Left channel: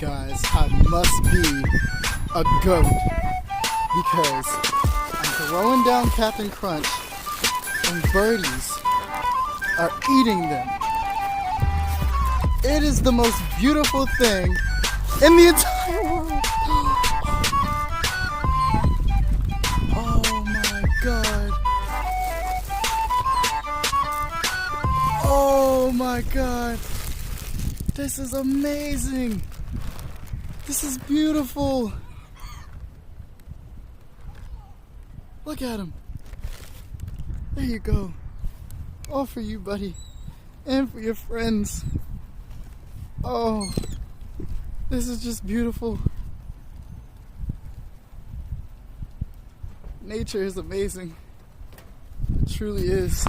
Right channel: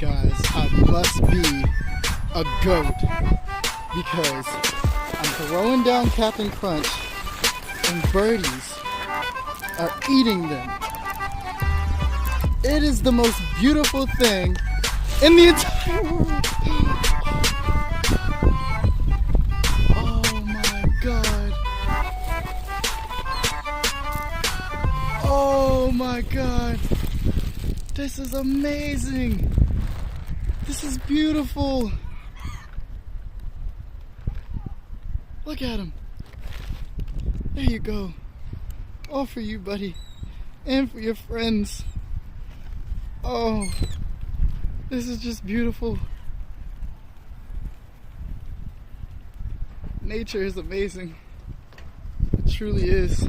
Guys, I must be a goat because I'm throwing down Captain Crunch and birdies are eating them. It is the most beautiful thing in the entire world. Oh my God. Oh my God. This is amazing. This is beautiful. Look at him. There you go. All for you, buddy. And for your friends. Oh, this is just beautiful. Nature is amazing. It truly is.